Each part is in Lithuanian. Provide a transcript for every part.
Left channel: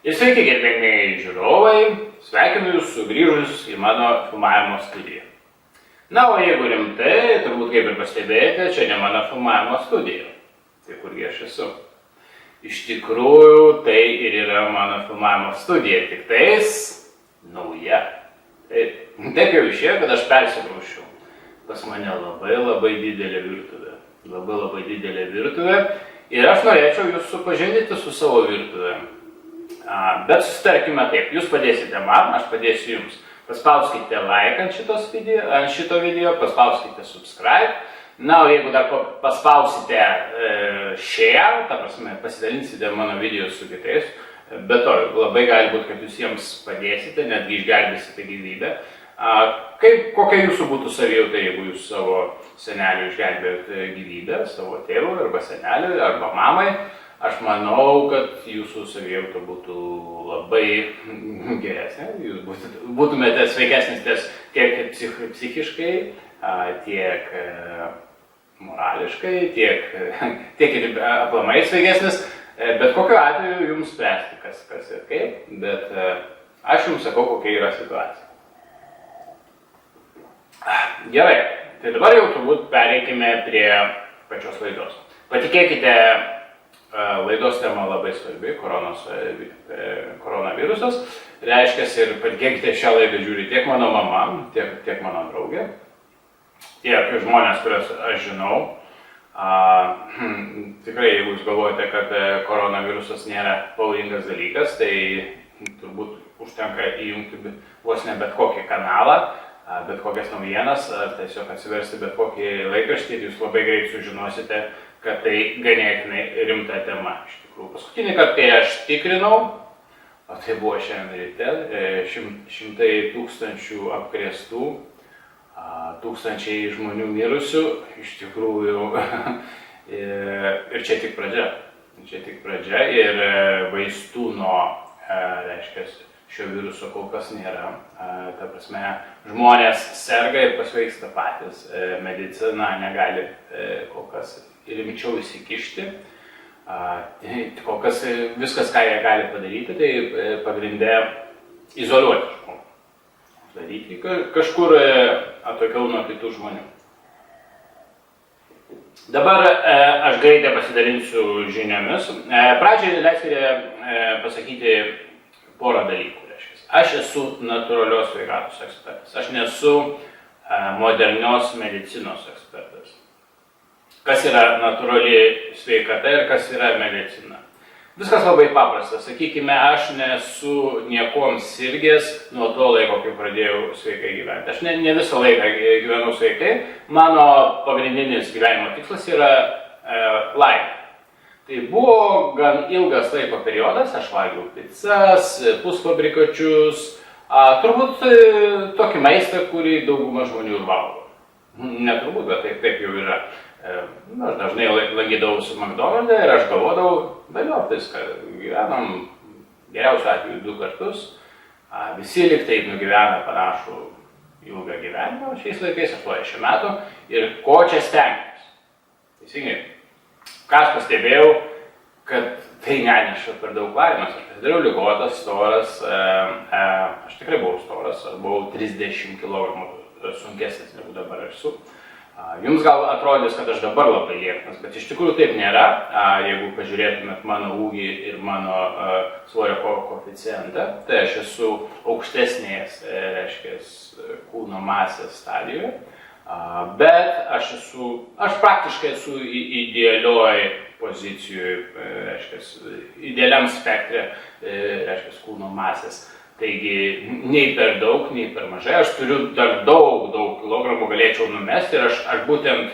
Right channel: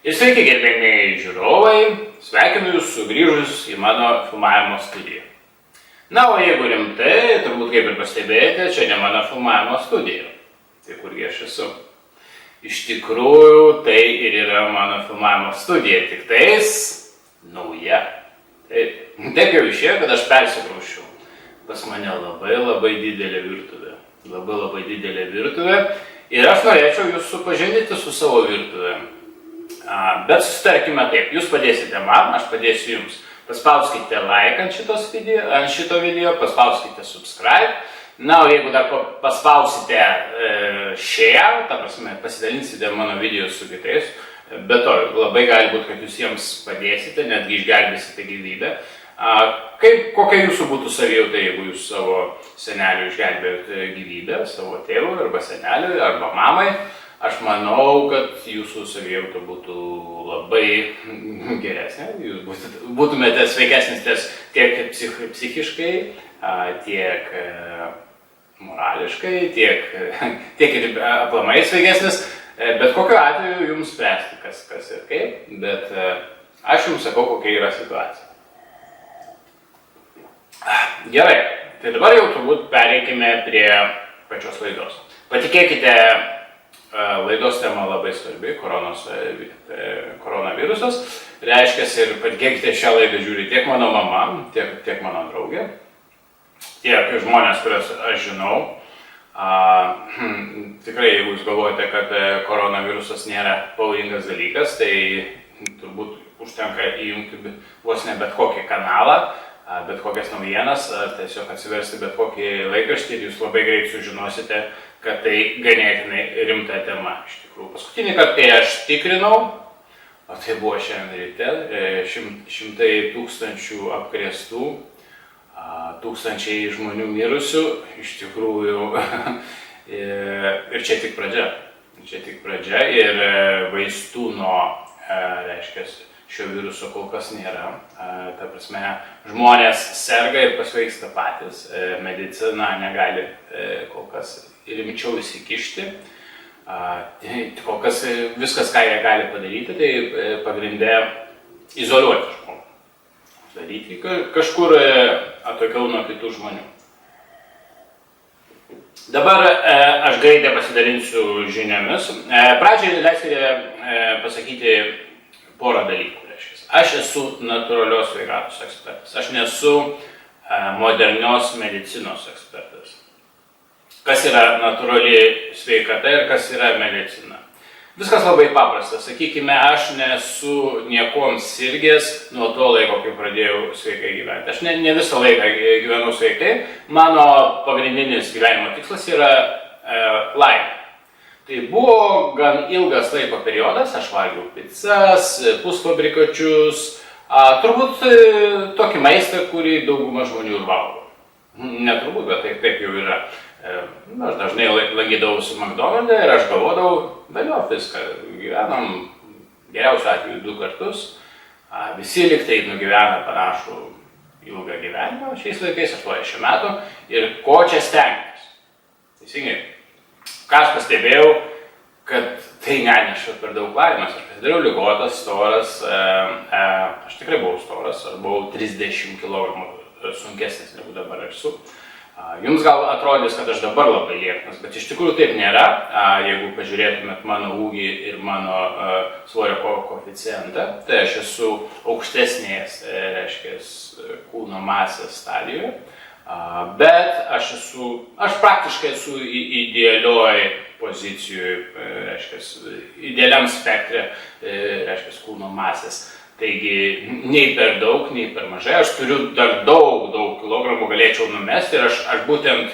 Ir sveiki, gerbėmieji žiūrovai, sveikinu jūs sugrįžus į mano filmavimo studiją. Na, o jeigu rimtai, turbūt kaip ir pastebėjote, čia ne mano filmavimo studija. Tai kurgi aš esu? Iš tikrųjų, tai ir yra mano filmavimo studija, tik tais nauja. Taip jau išėjo, kad aš persikrauščiau. Pas mane labai didelė virtuvė. Labai didelė virtuvė. Ir aš norėčiau jūs supažindinti su savo virtuvė. Bet susitarkime taip, jūs padėsite man, aš padėsiu jums. Paspauskite like ant šito video, paspauskite subscribe. Na, o jeigu dar paspausite share, ta prasme, pasidalinsite mano video su kitais, bet to labai gali būti, kad jūs jiems padėsite, netgi išgelbėsite gyvybę. Kokia jūsų būtų savijauta, jeigu jūs savo seneliui išgelbėjote gyvybę, savo tėvui arba seneliui arba mamai? Aš manau, kad jūsų savijauta būtų labai geresnė, jūs būtumėte sveikesnis tiek psichiškai, tiek morališkai, tiek ir aplamai sveikesnis, bet kokiu atveju jums spręsti, kas ir kaip, bet aš jums sakau, kokia yra situacija. Gerai, tai dabar jau turbūt pereikime prie pačios laidos. Patikėkite, laidos tema labai svarbi, koronavirusas. Reiškia, ir patikėkite, šią laidą žiūri tiek mano mama, tiek mano draugė, tiek žmonės, kuriuos aš žinau. Tikrai, jeigu jūs galvojate, kad koronavirusas nėra pavojingas dalykas, tai turbūt užtenka įjungti vos ne bet kokį kanalą, bet kokias naujienas, ar tiesiog atsiversti bet kokį laikraštį ir jūs labai greit sužinosite, kad tai ganėtinai rimta tema. Iš tikrųjų, paskutinį kartą, kai aš tikrinau, o tai buvo šiandien ryte, 100 tūkstančių apkrėstų, tūkstančiai žmonių mirusių, iš tikrųjų, ir čia tik pradžia. Čia tik pradžia ir vaistų nuo, reiškia, šio viruso kol kas nėra. Ta prasme, žmonės serga ir pasveiksta patys, medicina negali kol kas rimčiau įsikišti. Kol kas viskas, ką jie gali padaryti, tai pagrindė izoliuoti žmogų. Daryti kažkur atokiau nuo kitų žmonių. Dabar aš greitai pasidalinsiu žiniomis. Pradžiai leiskite pasakyti porą dalykų. Aš esu natūralios sveikatos ekspertas. Aš nesu modernios medicinos ekspertas. Kas yra natūrali sveikata ir kas yra medicina? Viskas labai paprasta. Sakykime, aš nesu niekom sirgęs nuo to laiko, kai pradėjau sveikai gyventi. Aš ne visą laiką gyvenau sveikai. Mano pagrindinis gyvenimo tikslas yra laimė. Tai buvo gan ilgas laiko periodas, aš valgiau picas, pusfabrikačius, turbūt tokį maistą, kurį dauguma žmonių ir valgo. Neturbūt, bet taip jau yra. Aš dažnai lankydavausi McDonald'e ir aš galvodavau, vėliau viską, gyvenam geriausiu atveju 2 kartus, visi liktai nugyvena panašų ilgą gyvenimą, šiais laikais 80 metų, ir ko čia stengtis. Teisingai. Ką aš pastebėjau, kad tai neneša per daug laimės. Aš pasidariau ligotas, storas, aš tikrai buvau storas, aš buvau 30 kg sunkesnis negu dabar esu. Jums gal atrodys, kad aš dabar labai lieknas, bet iš tikrųjų taip nėra. Jeigu pažiūrėtumėt mano ūgį ir mano svorio koeficientą, tai aš esu aukštesnės, reiškia, kūno masės stadijoje. Bet aš praktiškai esu idealioj pozicijoje, reiškia, idealiam spektre, reiškia, kūno masės. Taigi, nei per daug, nei per mažai. Aš turiu dar daug kilogramų galėčiau numesti ir aš būtent,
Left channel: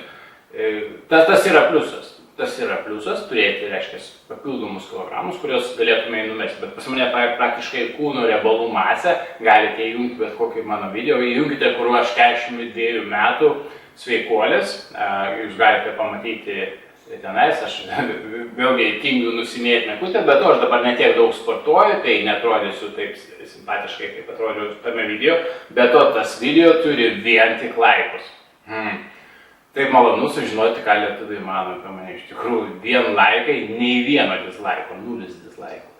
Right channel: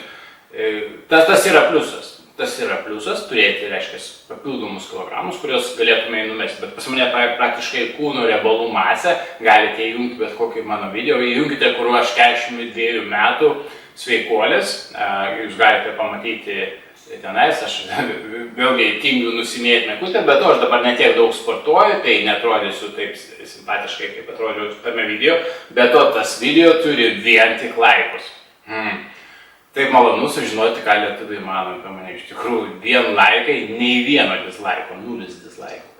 tas yra pliusas. Tas yra pliusas turėti, reiškia, papildomus kilogramus, kuriuos galėtume numesti. Bet pas mane praktiškai kūno riebalų masę, galite įjungti bet kokį mano video, įjungite, kur aš 42 metų sveikuolis, jūs galite pamatyti tenais, aš vėlgi tingiu nusimėti mekutę, bet aš dabar netiek daug sportuoju, tai netrodysiu taip simpatiškai, kaip atrodžiau tame video, bet tas video turi vien tik laikus. Taip malonu sužinoti, ką lietuviai mano apie mane. Iš tikrųjų, vien laikai, nei vieno dislaiko, 0 dislaikų.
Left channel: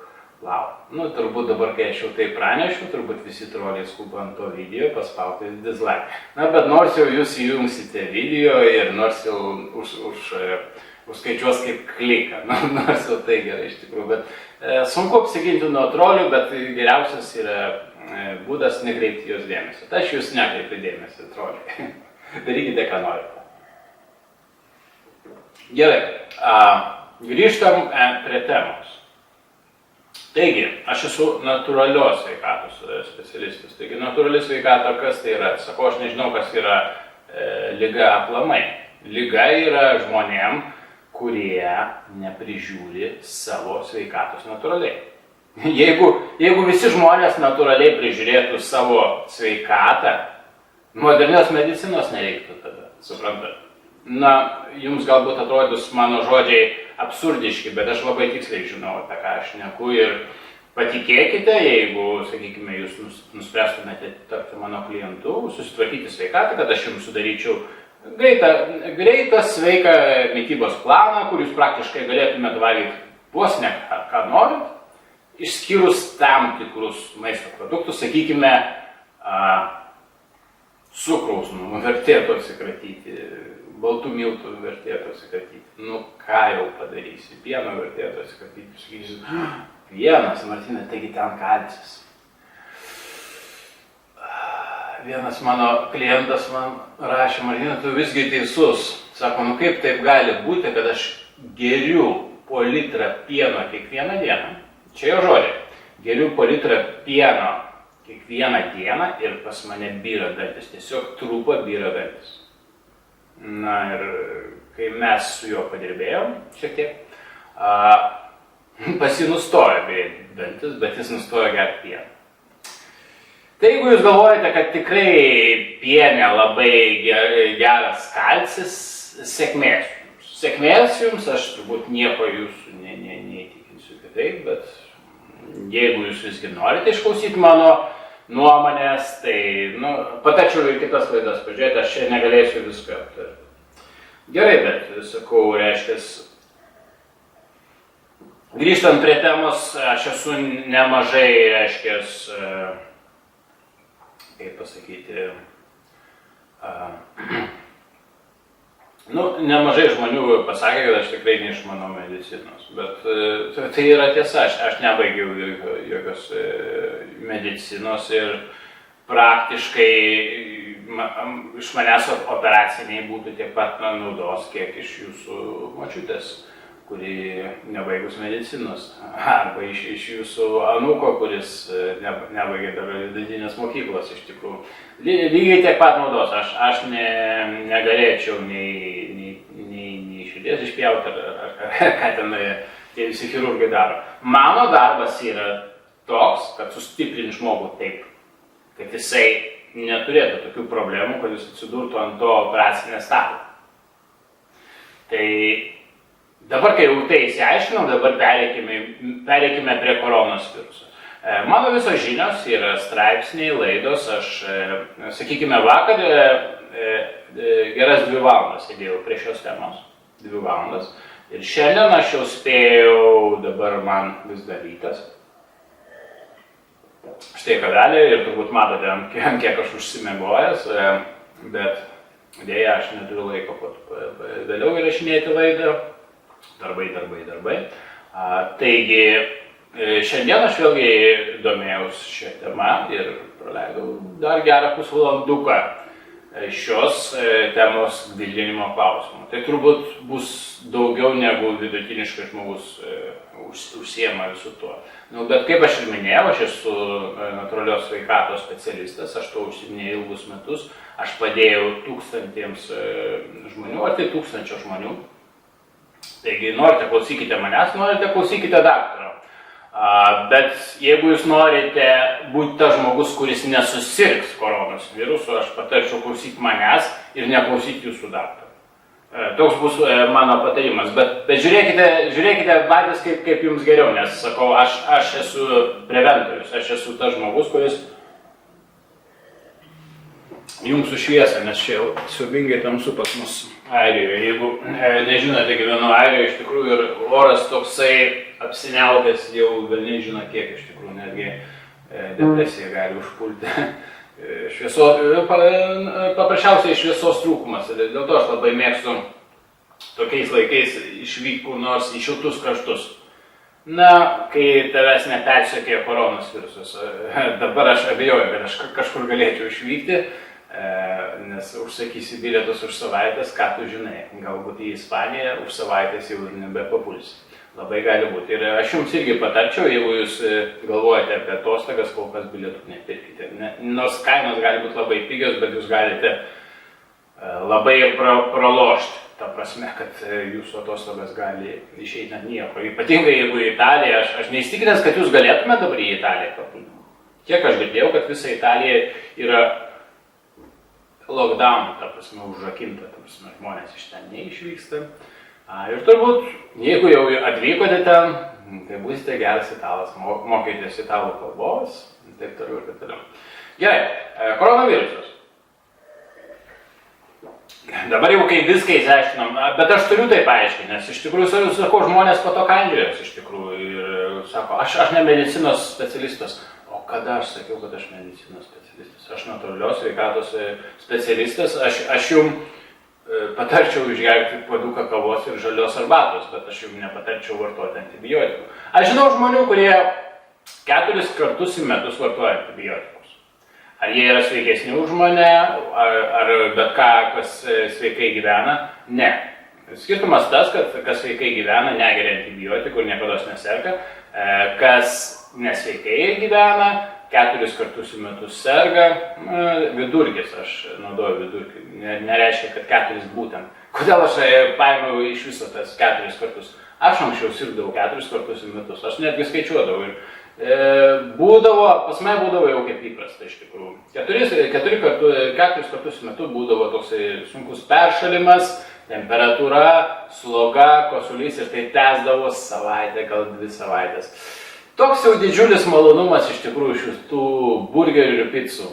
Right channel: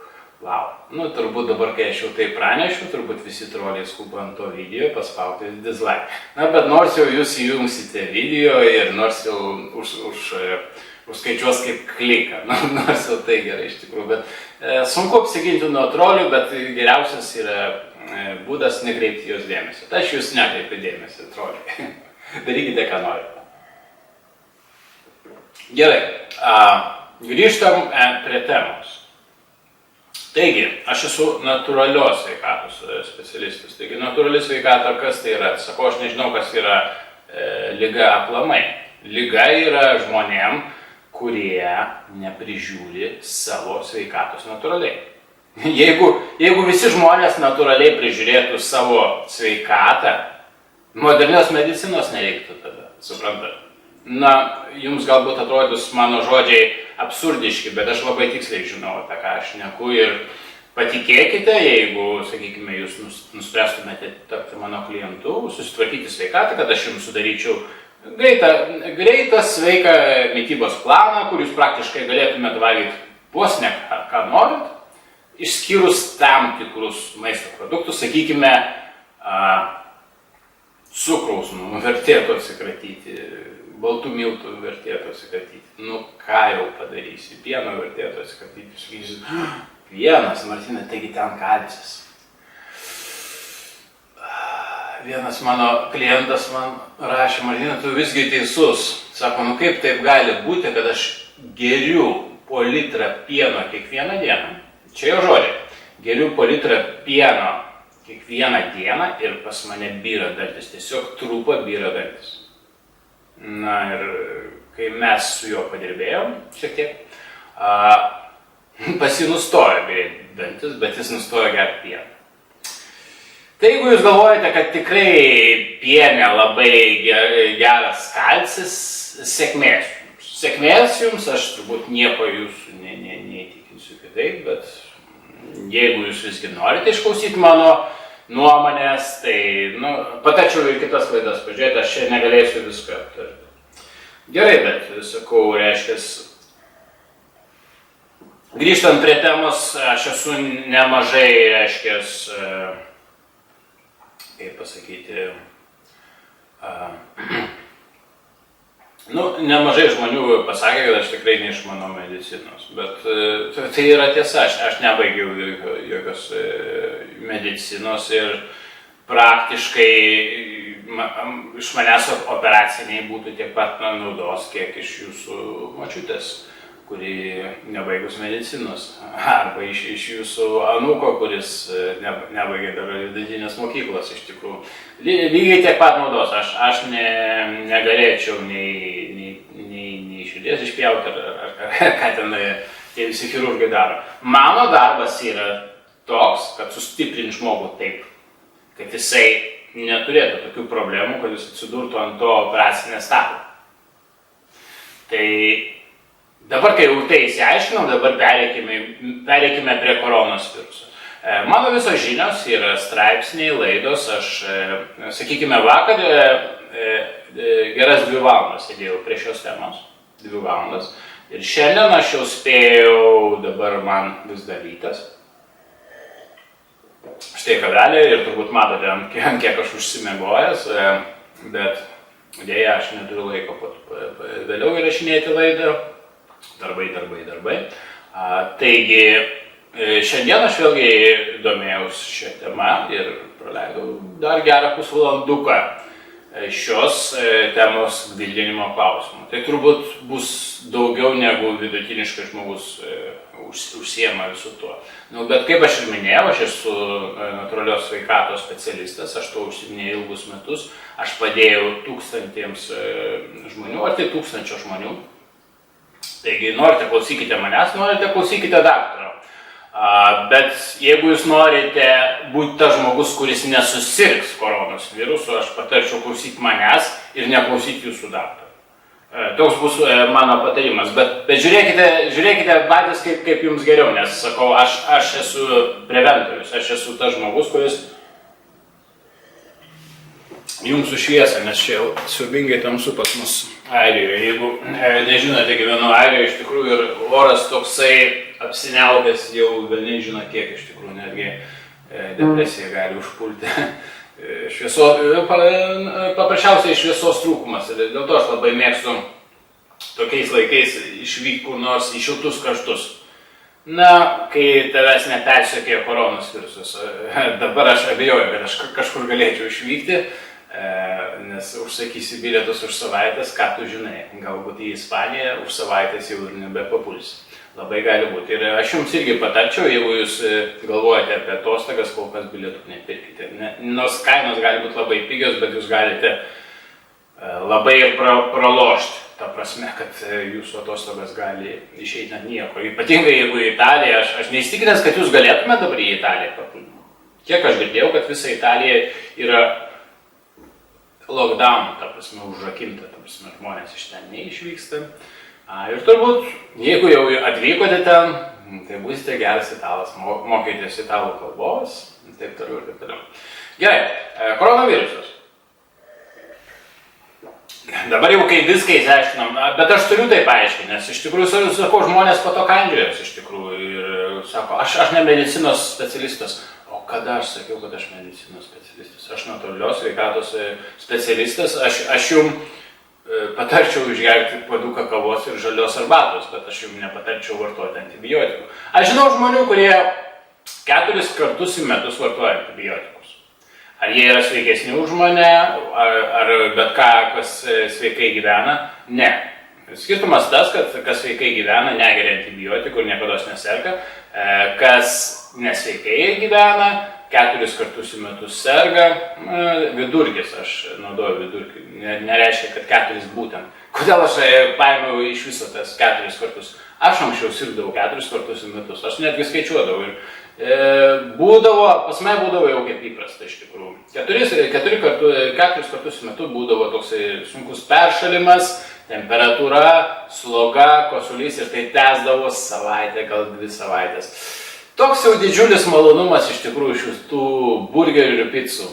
Wow. Nu, turbūt dabar, kai aš jau tai pranešiu, turbūt visi troliai skuba ant to video paspauti dislike. Na, bet nors jau jūs įjungsite video ir nors jau užskaičiuos kaip kliką, nors jau tai gerai iš tikrųjų, bet sunku apsiginti nuo trolių, bet geriausias yra būdas nekreipti jos dėmesio. Tai aš jūs nekreipiu dėmesio, troliai. Darykite, ką norite. Gerai, grįžtam prie temos. Taigi, aš esu natūralios sveikatos specialistas. Taigi, natūrali sveikata, kas tai yra? Sakau, aš nežinau, kas yra liga aplamai. Liga yra žmonėm, kurie neprižiūri savo sveikatos natūraliai. Jeigu visi žmonės natūraliai prižiūrėtų savo sveikatą, modernios medicinos nereiktų tada, suprantate? Na, jums galbūt atrodys mano žodžiai absurdiški, bet aš labai tiksliai žinau, apie ką aš šneku ir patikėkite, jeigu, sakykime, jūs nuspręstumėte tapti mano klientu, susitvarkyti sveikatą, kad aš jums sudaryčiau greitą sveiką mitybos planą, kur jūs praktiškai galėtumėte valgyti vos ne ką norit, išskyrus tam tikrus maisto produktus, sakykime, cukraus vertėtų atsikratyti, baltų miltų vertėtų atsikratyti. Nu, ką jau padarysi, pieno vertėtų atsikratyti. Sakysi, pienas, Martina, taigi ten kalcis. Vienas mano klientas man rašė, Martina, tu visgi teisus. Sako, nu kaip taip gali būti, kad aš geriu po litrą pieno kiekvieną dieną. Čia jau žodžiai. Geriu po litrą pieno kiekvieną dieną ir pas mane byra dantis. Tiesiog trūpa byra dantis. Na ir kai mes su juo padirbėjom šiek tiek, pas jį nustojo byrėti dantis, bet jis nustojo gerti pieną. Tai jeigu jūs galvojate, kad tikrai piene labai geras kalcis, sėkmės jums. Sėkmės jums, aš turbūt nieko jūsų neįtikinsiu kitaip, bet jeigu jūs visgi norite išklausyti mano nuomonės, tai patačiau ir kitas laidas pažiūrėti, aš čia negalėsiu visko aptarti. Gerai, bet, sakau, reiškias, grįžtant prie temos, aš esu nemažai, reiškias, kaip pasakyti, nemažai žmonių pasakė, kad aš tikrai neišmanau medicinos, bet tai yra tiesa, aš nebaigiau jokios medicinos ir praktiškai iš manęs operaciniai būtų tiek pat naudos, kiek iš jūsų močiutės, kuri nebaigus medicinos, arba iš jūsų anūko, kuris nebaigė dar vidutinės mokyklos iš tikrųjų. Lygiai tiek pat naudos, aš negalėčiau nei širdies išpjauti, ar ką ten tie visi chirurgai daro. Mano darbas yra toks, kad sustiprinti žmogų taip, kad jisai neturėtų tokių problemų, kad jis atsidurtų ant to operacinės stalo. Tai dabar, kai jau tai įsiaiškinom, dabar pereikime prie koronos viruso. Mano visos žinios yra straipsniai, laidos, aš, sakykime, vakar geras 2 valandas sėdėjau prie šios temos, 2 valandas. Ir šiandien aš jau spėjau, dabar man vis dar rytas. Štai kavelė ir turbūt matote, ant kiek aš užsimiegojęs, bet dėja aš neturiu laiko vėliau įrašinėti laidą. Darbai. Taigi, šiandien aš vėlgi domėjausi šią temą ir praleidau dar gerą pusvalanduką šios temos gvildinimo klausimų. Tai turbūt bus daugiau negu vidutiniškai žmogus užsiema visu tuo. Bet kaip aš ir minėjau, aš esu natūralios sveikatos specialistas, aš to užsiminėjau ilgus metus, aš padėjau tūkstantiems žmonių, ar tai 1000 žmonių. Taigi, norite klausykite manęs, norite klausykite daktaro. Bet jeigu jūs norite būti tas žmogus, kuris nesusirgs koronos virusu, aš patarčiau klausyti manęs ir neklausyti jūsų daktaro. Toks bus mano patarimas. Bet žiūrėkite patys, kaip jums geriau, nes sakau, aš esu preventorius, aš esu tas žmogus, kuris jums sušviesa, nes čia jau siaubingai tamsu pas mus Airijoje. Jeigu nežinote, gyvenu Airijoje, iš tikrųjų ir oras toksai apsiniaukęs jau velniai žino kiek iš tikrųjų, netgi depresija gali užpulti. Paprasčiausiai šviesos trūkumas. Dėl to aš labai mėgstu tokiais laikais išvykti kur nors į šiltus kraštus. Na, kai tavęs nepersekioja koronos virusas. Dabar aš abejoju, kad aš kažkur galėčiau išvykti, nes užsakysi bilietus už savaitės, ką tu žinai. Galbūt į Ispaniją už savaitės jau ir nebepapulsi. Labai gali būti. Ir aš jums irgi patarčiau, jeigu jūs galvojate apie atostogas, kol kas bilietų nepirkite. Nors kainos gali būti labai pigios, bet jūs galite labai ir pralošti. Ta prasme, kad jūsų atostogas gali išeiti ant nieko. Ypatingai jeigu į Italiją, aš neįstikinęs, kad jūs galėtume dabar į Italiją papulti. Kiek aš girdėjau, kad visa Italija yra lockdown, ta prasme, užrakinta, ta prasme, žmonės iš ten neišvyksta. Ir turbūt, jeigu jau atvykote ten, tai būsite geras italas, mokėtės italų kalbos, taip toliau ir taip toliau. Gerai, koronavirusas. Dabar jau kai viską įsiaiškinam, bet aš turiu tai paaiškinti, nes iš tikrųjų, sakau, žmonės po to kandžiojasi iš tikrųjų ir sako, aš ne medicinos specialistas. O kada aš sakiau, kad aš medicinos specialistas? Aš natūralios sveikatos specialistas, aš jums patarčiau išgerti puoduką kavos ir žalios arbatos, bet aš jums nepatarčiau vartoti antibiotikų. Aš žinau žmonių, kurie 4 kartus į metus vartoja antibiotikus. Ar jie yra sveikesni už mane, ar bet ką, kas sveikai gyvena? Ne. Skirtumas tas, kad kas sveikai gyvena, negeria antibiotikų ir niekados neserga. Kas nesveikai gyvena, 4 kartus į metus serga. Vidurkis, aš naudoju vidurkį, nereiškia, kad 4 būtent. Kodėl aš paėmiau iš viso tas 4 kartus? Aš anksčiau sirgdavau 4 kartus į metus, aš netgi skaičiuodavau ir pas mane būdavo jau kaip įprasta iš tikrųjų. 4 kartus į metu būdavo toksai sunkus peršalimas, temperatūra, sloga, kosulys ir tai tęsdavo savaitę, gal 2 savaitės. Toks jau didžiulis malonumas iš tikrųjų šitų burgerių ir picų.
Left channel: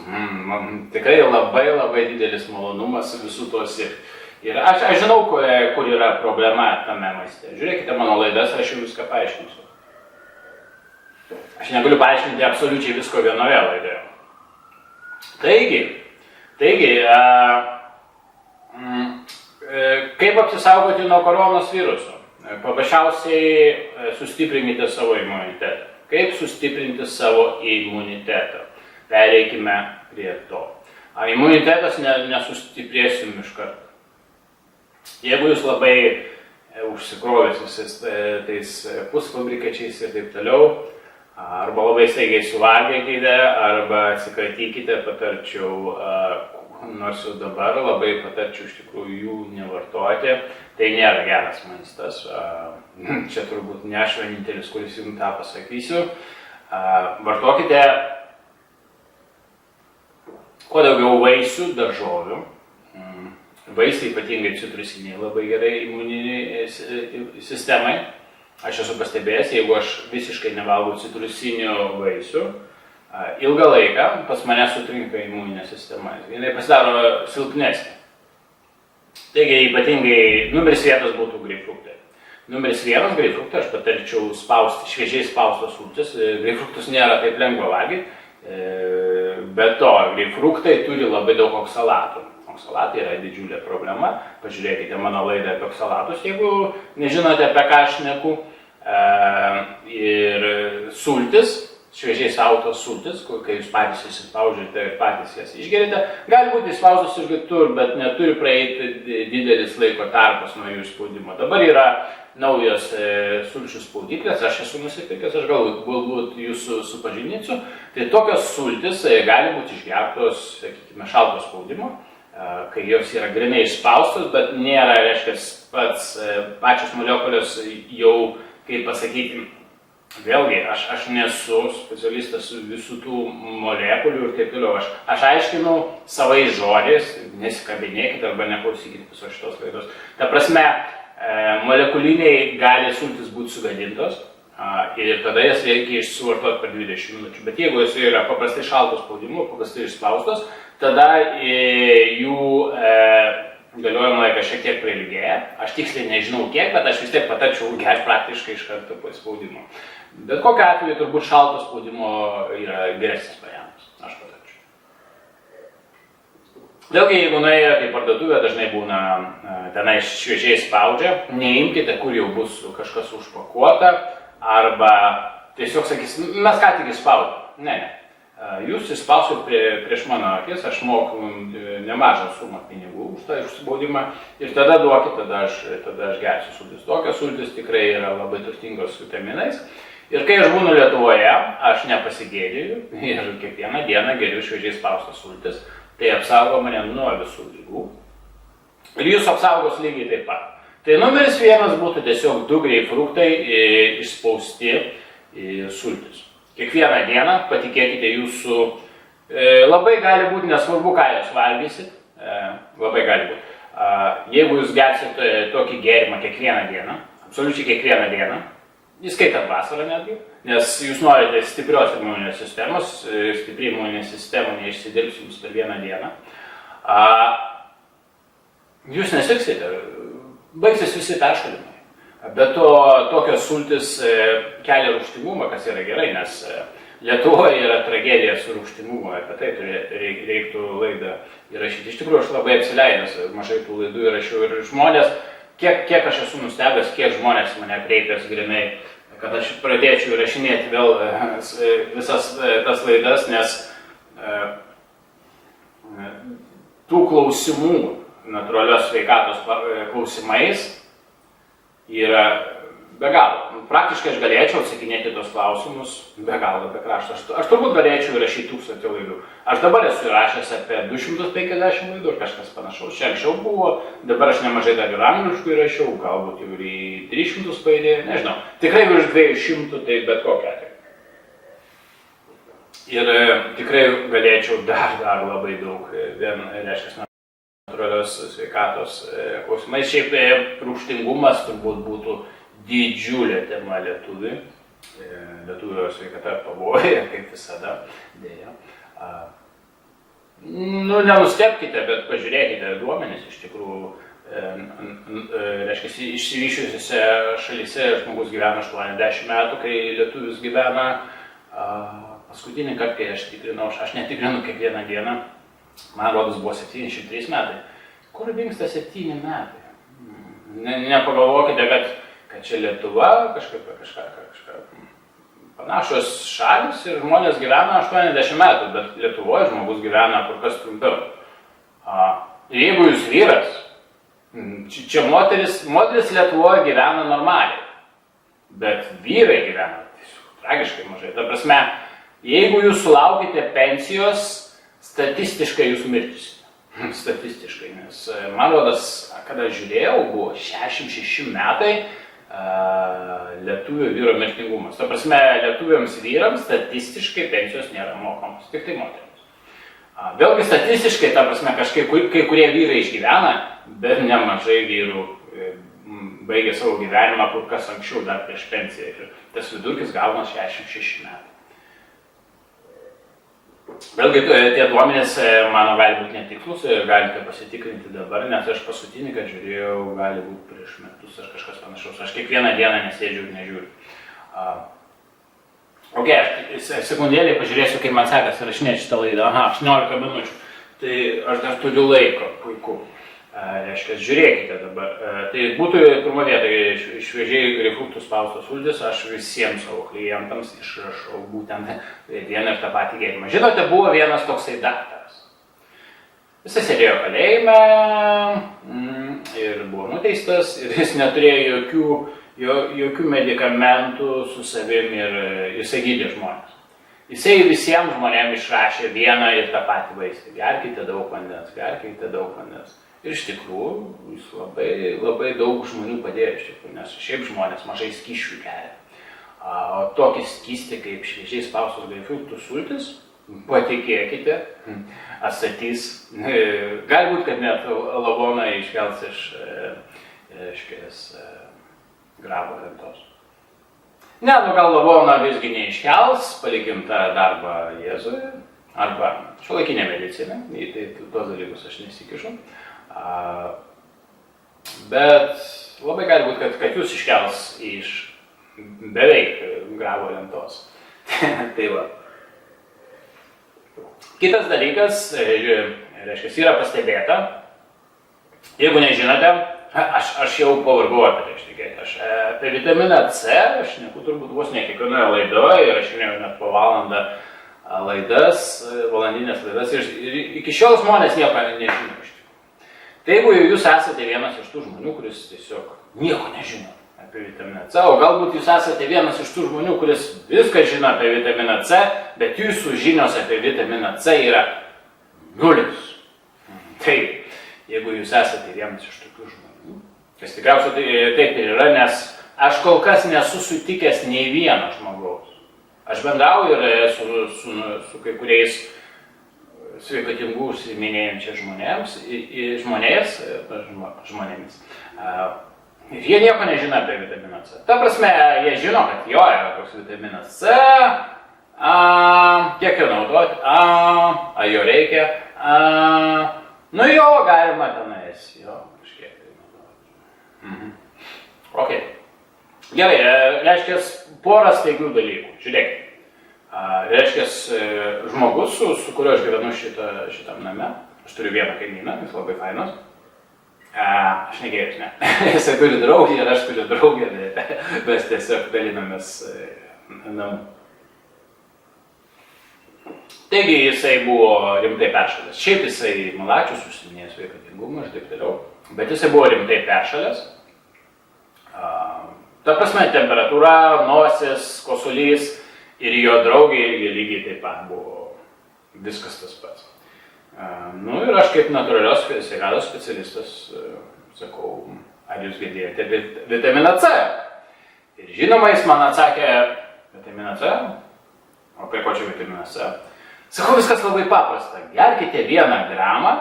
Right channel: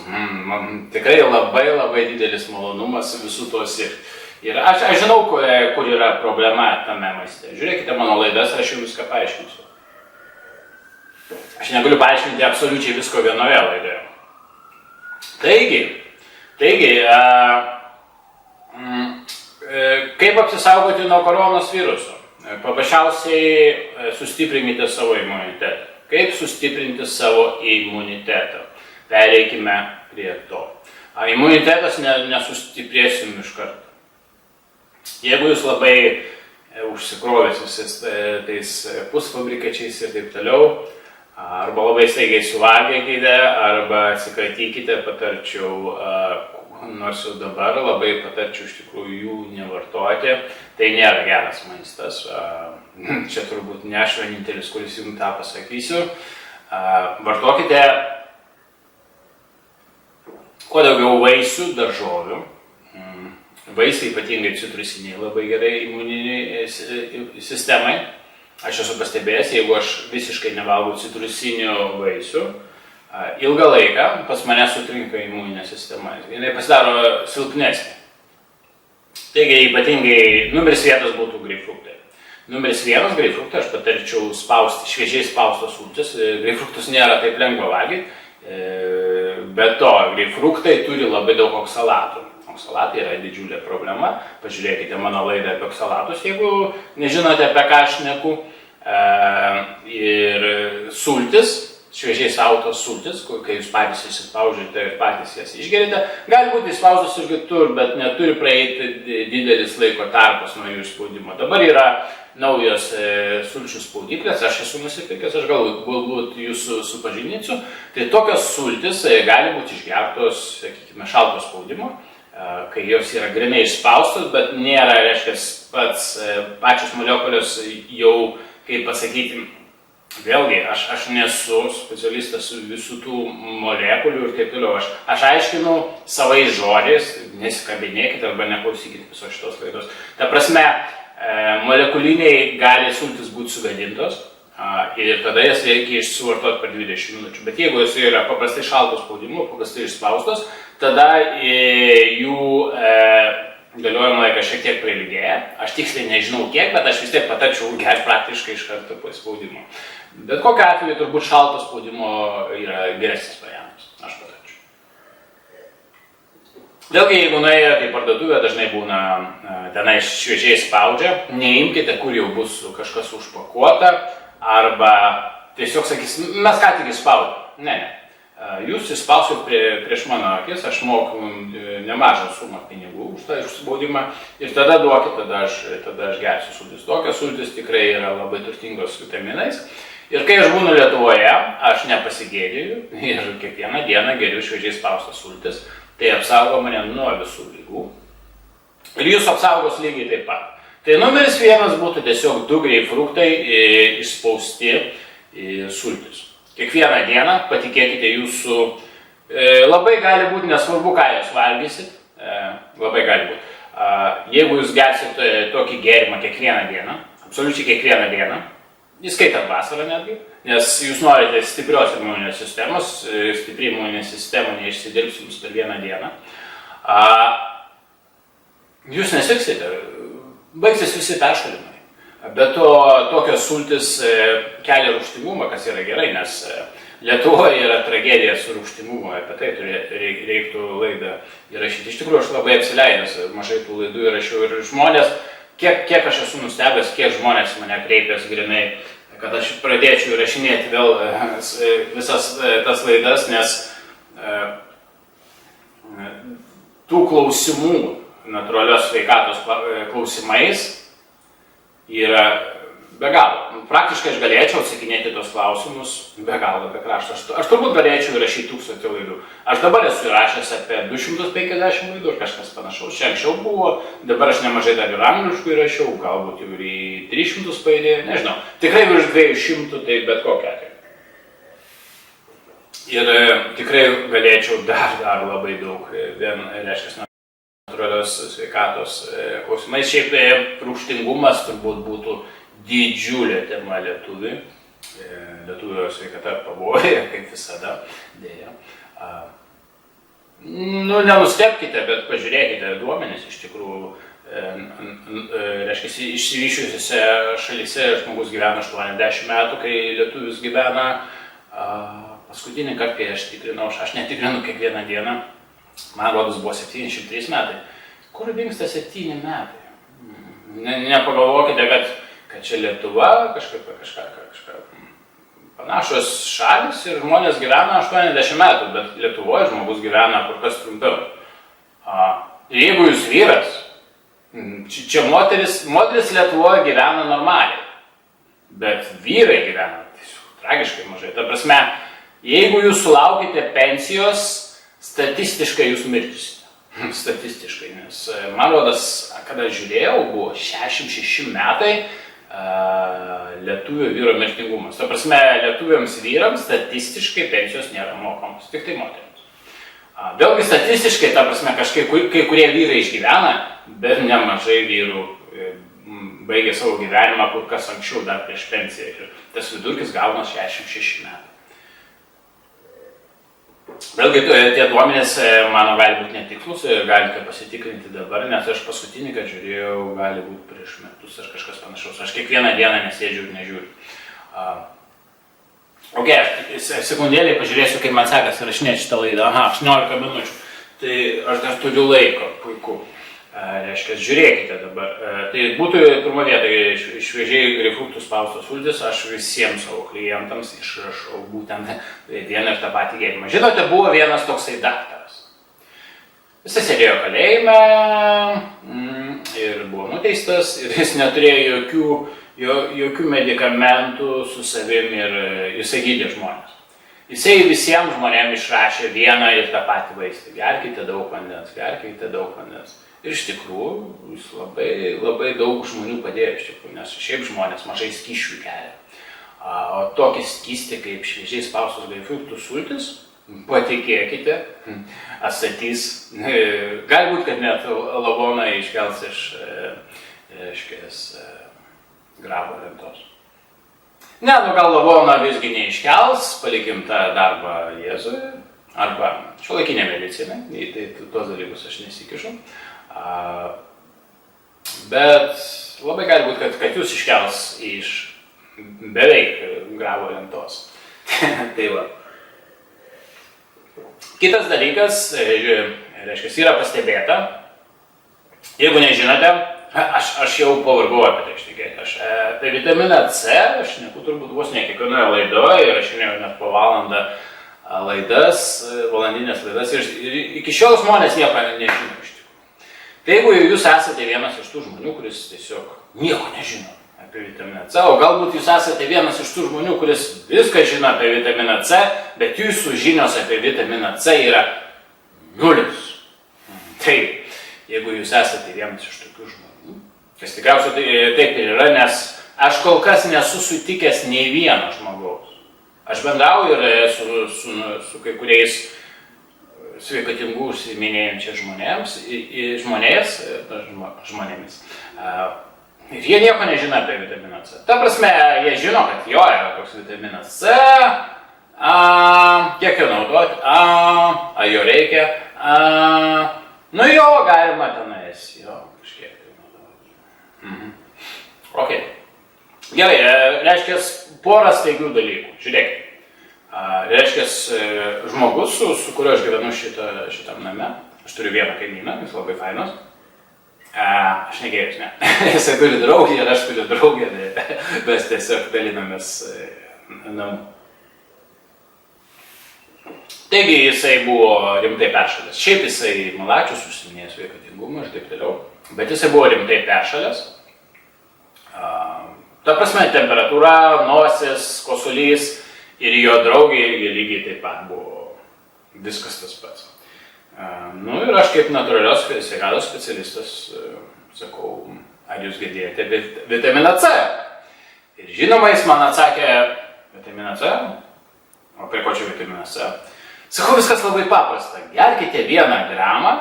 Tikrai labai didelis malonumas visų to sirgti. Ir aš žinau, kur yra problema tame maiste. Žiūrėkite mano laidas, aš jums viską paaiškinsiu. Aš negaliu paaiškinti absoliučiai visko vienoje laidoje. Taigi, kaip apsisaugoti nuo koronos viruso? Paprasčiausiai sustiprinkite savo imunitetą. Kaip sustiprinti savo imunitetą? Pereikime prie to. Imunitetas nesustiprės jums iš karto. Jeigu jūs labai užsikrovęs visais tais pusfabrikačiais ir taip toliau, arba labai staigiai suvalgykite, arba atsikratykite, patarčiau, nors jau dabar labai patarčiau iš tikrųjų jų nevartoti. Tai nėra geras maistas. Čia turbūt ne aš vienintelis, kuris jums tą pasakysiu. Vartokite kuo daugiau vaisių, daržovių. Vaisiai, ypatingai citrusiniai, labai gerai imuniniai sistemai. Aš esu pastebėjęs, jeigu aš visiškai nevalgau citrusinių vaisių, ilgą laiką pas mane sutrinka imuninė sistema. Jinai pasidaro silpnesnė. Taigi, ypatingai numeris 1 būtų greipfruktai. Numeris 1 greipfruktą aš patarčiau spausti, šviežiai spaustos sultis. Greipfruktus nėra taip lengva valgyti, bet to greipfruktai turi labai daug oksalatų. Oksalatai yra didžiulė problema. Pažiūrėkite mano laidą apie oksalatus, jeigu nežinote, apie ką aš šneku. Ir sultis, šviežiai spautos sultis, kai jūs patys įsispaudžiate ir patys jas išgerite, gali būti įspaustos ir kitur, bet neturi praeiti didelis laiko tarpas nuo jų spaudimo. Dabar yra naujos sulčių spaudyklės, aš esu nusipirkęs, aš galbūt jūsų supažindinsiu. Tai tokios sultis gali būti išgertos, sakykime, šalto spaudimo, kai jos yra grinai išspaustos, bet nėra, reiškia, pačios molekulės jau, kaip pasakyti, vėlgi, aš nesu specialistas visų tų molekulių ir taip toliau. Aš aiškinu savais žodžiais, nesikabinėkite arba neklausykite visos šitos laidos. Ta prasme, molekuliniai gali sultis būti sugadintos ir tada jas reikia suvartoti per 20 minučių. Bet jeigu jos yra paprastai šalto spaudimo, paprastai išspaustos, tada jų galiojimo laikas šiek tiek prailgėja. Aš tiksliai nežinau kiek, bet aš vis tiek patarčiau gerti praktiškai iš karto po spaudimo. Bet kokiu atveju turbūt šalto spaudimo yra geresnis variantas, aš patarčiau. Vėlgi, jeigu nuėjote į parduotuvę, dažnai būna tenai šviežiai spaudžia, neimkite, kur jau bus kažkas užpakuota, arba tiesiog sakys, mes ką tik įspaudėm. Ne. Jūs įspausit prieš mano akis, aš moku nemažą sumą pinigų už tą išspaudimą ir tada duokit, tada aš gersiu sultis. Tokios sultis tikrai yra labai turtingos vitaminais. Ir kai aš būnu Lietuvoje, aš nepasigėdėju ir kiekvieną dieną geriu šviežiai spaustas sultis. Tai apsaugo mane nuo visų lygų. Ir jūs apsaugos lygiai taip pat. Tai numeris 1 būtų tiesiog 2 greipfruktai išspausti sultis. Kiekvieną dieną, patikėkite, jūsų labai gali būti, nesvarbu, ką jūs valgysit, labai gali būti. Jeigu jūs gersit tokį gėrimą kiekvieną dieną, absoliučiai kiekvieną dieną, įskaitant vasarą netgi, nes jūs norite stiprios imuninės sistemos, stipri imuninė sistema neišsidirbs jums per vieną dieną, jūs nesirgsite, baigsis visi peršalimai. Bet to tokios sultis kelia rūgštingumą, kas yra gerai, nes Lietuvoje yra tragedija su rūgštingumu, apie tai reiktų laidą įrašyti. Iš tikrųjų, aš labai apsileidęs, mažai tų laidų įrašiau ir žmonės, kiek aš esu nustebęs, kiek žmonės mane kreipės grinai, kad aš pradėčiau įrašinėti vėl visas tas laidas, nes tų klausimų natūralios sveikatos klausimais yra be galo. Praktiškai aš galėčiau atsakinėti tos klausimus be galo, be krašto. Aš turbūt galėčiau įrašyti 1000 laidų. Aš dabar esu įrašęs apie 250 laidų ir kažkas panašaus. Čia anksčiau buvo, dabar aš nemažai dar ir angliškų įrašiau, galbūt jau ir į 300 paidėjau, nežinau. Tikrai virš 200, tai bet kokia atveju. Ir tikrai galėčiau dar labai daug, reiškia, natūralios sveikatos klausimais. Šiaip rūgštingumas turbūt būtų didžiulė tema lietuviui. Lietuvio sveikata pavojuje, kaip visada, dėja. Nenustebkite, bet pažiūrėkite duomenis, iš tikrųjų, reiškia, išsivysčiusiuose šalyse žmogus gyvena 80 metų, kai lietuvis gyvena paskutinį kartą, kai aš tikrinau, aš netikrinu kiekvieną dieną, man rodos buvo 73 metai. Kur dingsta 7 metai? Nepagalvokite, kad čia Lietuva, kažką panašos šalis ir žmonės gyvena 80 metų, bet Lietuvoje žmogus gyvena kur kas trumpiau. Ir jeigu jūs vyras, čia moteris Lietuvoje gyvena normaliai, bet vyrai gyvena tragiškai mažai. Ta prasme, jeigu jūs sulaukite pensijos, statistiškai jūs mirtisite. Statistiškai, nes man rodos, kada žiūrėjau, buvo 66 metai lietuvio vyro mirtingumas. Ta prasme, lietuviams vyrams statistiškai pensijos nėra mokamos, tik tai moterims. Vėlgi statistiškai, ta prasme, kai kurie vyrai išgyvena, bet nemažai vyrų baigia savo gyvenimą kur kas anksčiau, dar prieš pensiją. Ir tas vidurkis gauna 66 metai. Vėlgi, tie duomenys mano gali būti netikslus ir galite pasitikrinti dabar, nes aš paskutinį, kad žiūrėjau, gali būti prieš metus ar kažkas panašaus. Aš kiekvieną dieną nesėdžiu ir nežiūriu. Aš sekundėlį pažiūrėsiu, kaip man sekasi rašinėti šitą laidą. 18 minučių. Tai aš dar turiu laiko, puiku. Reiškia, žiūrėkite dabar. Tai būtų pirmo vieta šviežiai greipfruktų spaustos sultis, aš visiems savo klientams išrašau būtent vieną ir tą patį gėrimą. Žinote, buvo vienas toksai daktaras. Jis sėdėjo kalėjime ir buvo nuteistas ir jis neturėjo jokių medikamentų su savim ir jisai gydė žmonės. Jisai visiems žmonėms išrašė vieną ir tą patį vaistą. Gerkite daug vandens, gerkite daug vandens. Ir iš tikrųjų, jis labai daug žmonių padėjo, iš tikrųjų, nes šiaip žmonės mažai skysčių geria. O tokį skystį kaip šviežiai spaustos greipfruktų sultis, patikėkite, atstatys, galbūt, kad net lavoną iškels iš grabo lentos. Ne, gal lavoną visgi neiškels, palikim tą darbą Jėzui, arba šiuolaikinė medicina, tai tuos dalykus aš nesikišu. Bet labai gali būti, kad jūs iškels iš beveik grabo lentos. Tai va. Kitas dalykas, reiškia, yra pastebėta. Jeigu nežinote, aš jau pavargau apie tai ištikėti. Apie vitaminą C aš neku turbūt vos ne kiekvienoje laidoje ir aš jau net po valandą valandinės laidas ir iki šiol žmonės nieko nežino iš tikrųjų. Tai jeigu jūs esate vienas iš tų žmonių, kuris tiesiog nieko nežino apie vitaminą C, o galbūt jūs esate vienas iš tų žmonių, kuris viską žino apie vitaminą C, bet jūsų žinios apie vitaminą C yra nulis. Taip, jeigu jūs esate vienas iš tokių žmonių, kas tikriausiai taip ir yra, nes aš kol kas nesu sutikęs nei vieno žmogaus. Aš bendrauju ir su kai kuriais sveikatingų užsiiminėjančiais žmonėmis. Ir jie nieko nežino apie vitaminą C. Ta prasme, jie žino, kad jo yra toks vitaminas C, kiek jo naudoti, jo reikia, nu jo galima tenais, jo kažkiek tai naudoti. Ok. Gerai, reiškia porą staigių dalykų. Žiūrėkit, reiškia žmogus, su kuriuo aš gyvenu šitam name, aš turiu vieną kaimyną, jis labai fainas. Aš negėjus, ne. Jisai turi draugį ir aš turiu draugį, mes tiesiog dalinamės namų. Taigi jisai buvo rimtai peršalęs. Šiaip jisai malačius užsiminėjęs sveikatingumą ir taip toliau, bet jisai buvo rimtai peršalęs. Ta prasme, temperatūra, nosis, kosulys ir jo draugė irgi lygiai taip pat buvo viskas tas pats. Nu ir aš kaip natūralios sveikatos specialistas sakau, ar jūs girdėjote vitaminą C? Ir žinoma, jis man atsakė, vitaminą C? O prie ko čia vitaminas C? Sakau, viskas labai paprasta. Gerkite 1 gramą